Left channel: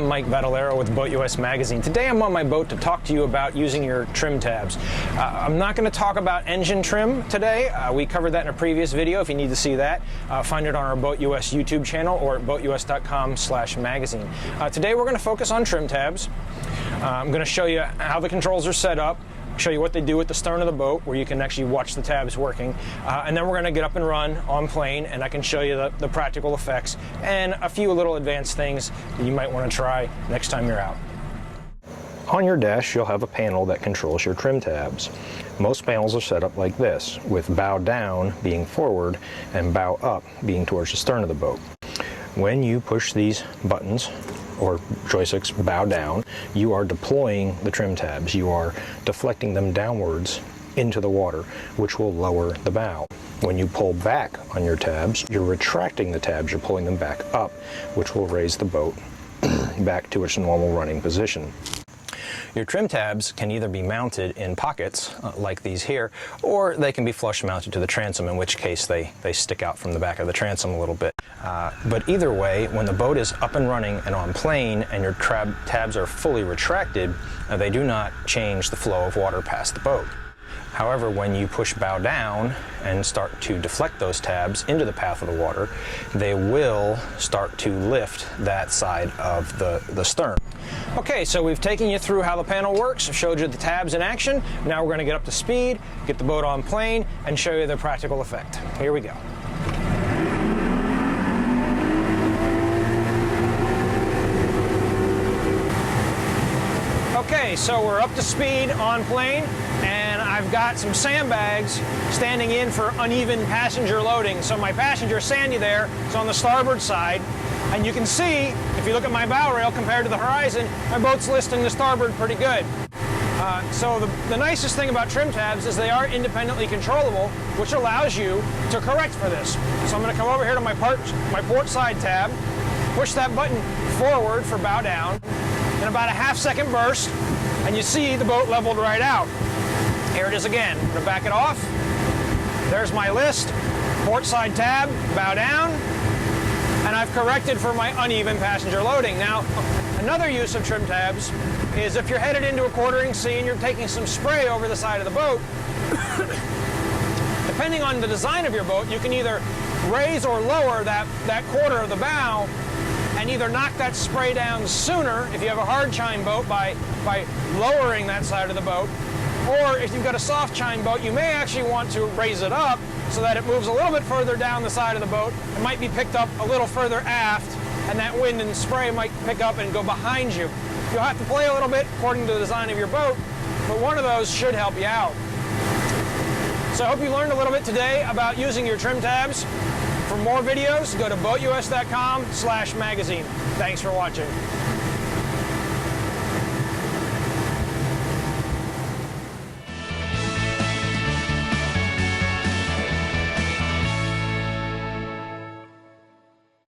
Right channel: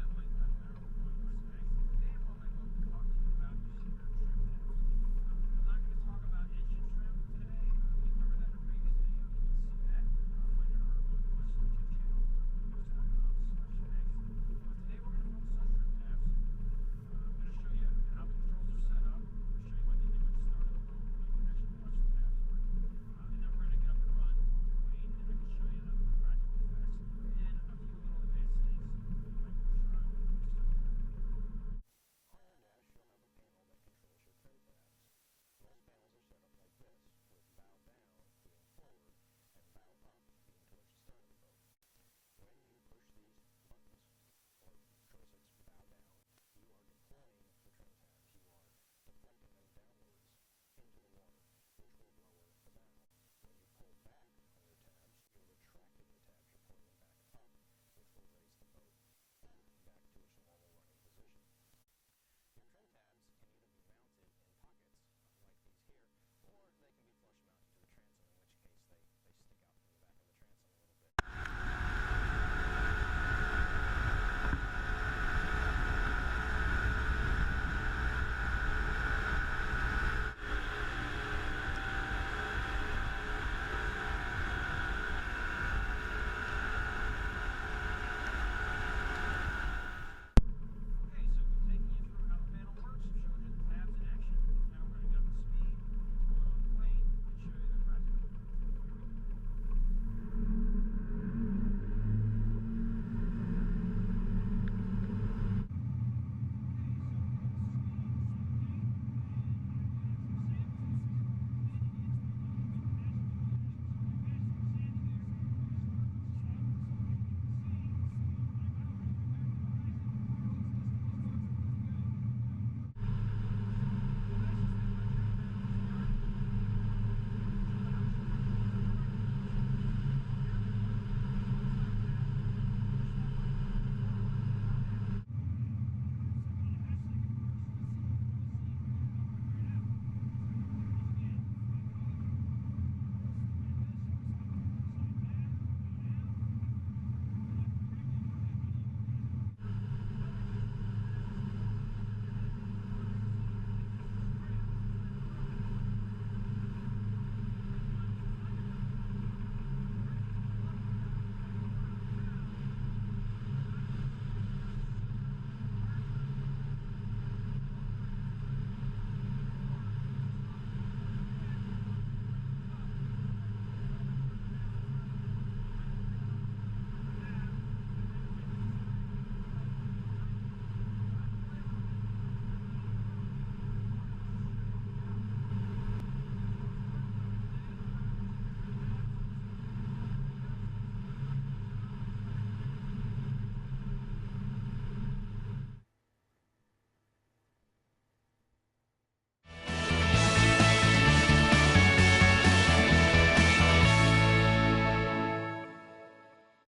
I'm Mike Vadalero with BoatUS Magazine. Today I'm on my boat to talk to you about using your trim tabs. I'm not going to talk about engine trim today. We covered that in a previous video. If you need to see that, find it on our BoatUS YouTube channel or at BoatUS.com/magazine. Today we're going to focus on trim tabs. I'm going to show you how the controls are set up, show you what they do at the stern of the boat where you can actually watch the tabs working, and then we're going to get up and run on plane, and I can show you the practical effects and a few little advanced things that you might want to try next time you're out. On your dash you'll have a panel that controls your trim tabs. Most panels are set up like this, with bow down being forward and bow up being towards the stern of the boat. When you push these buttons or joysticks bow down, you are deploying the trim tabs. You are deflecting them downwards into the water, which will lower the bow. When you pull back on your tabs, you're retracting the tabs, you're pulling them back up, which will raise the boat back to its normal running position. Your trim tabs can either be mounted in pockets like these here, or they can be flush mounted to the transom, in which case they stick out from the back of the transom a little bit. But either way, when the boat is up and running and on plane and your tabs are fully retracted, they do not change the flow of water past the boat. However, when you push bow down and start to deflect those tabs into the path of the water, they will start to lift that side of the stern. Okay, so we've taken you through how the panel works, showed you the tabs in action. Now we're going to get up to speed, get the boat on plane, and show you the practical effect. Here we go. Okay, so we're up to speed on plane, and I've got some sandbags standing in for uneven passenger loading. So my passenger Sandy there is on the starboard side, and you can see, if you look at my bow rail compared to the horizon, my boat's listing the starboard pretty good. So the nicest thing about trim tabs is they are independently controllable, which allows you to correct for this. So I'm going to come over here to my port side tab, push that button forward for bow down, in about a half-second burst, and you see the boat leveled right out. Here it is again. I'm going to back it off. There's my list. Port side tab, bow down, and I've corrected for my uneven passenger loading. Now, another use of trim tabs is if you're headed into a quartering sea and you're taking some spray over the side of the boat, depending on the design of your boat, you can either raise or lower that quarter of the bow and either knock that spray down sooner if you have a hard chine boat by lowering that side of the boat, or if you've got a soft chine boat, you may actually want to raise it up so that it moves a little bit further down the side of the boat. It might be picked up a little further aft, and that wind and spray might pick up and go behind you. You'll have to play a little bit according to the design of your boat, but one of those should help you out. So I hope you learned a little bit today about using your trim tabs. For more videos, go to BoatUS.com/magazine. Thanks for watching.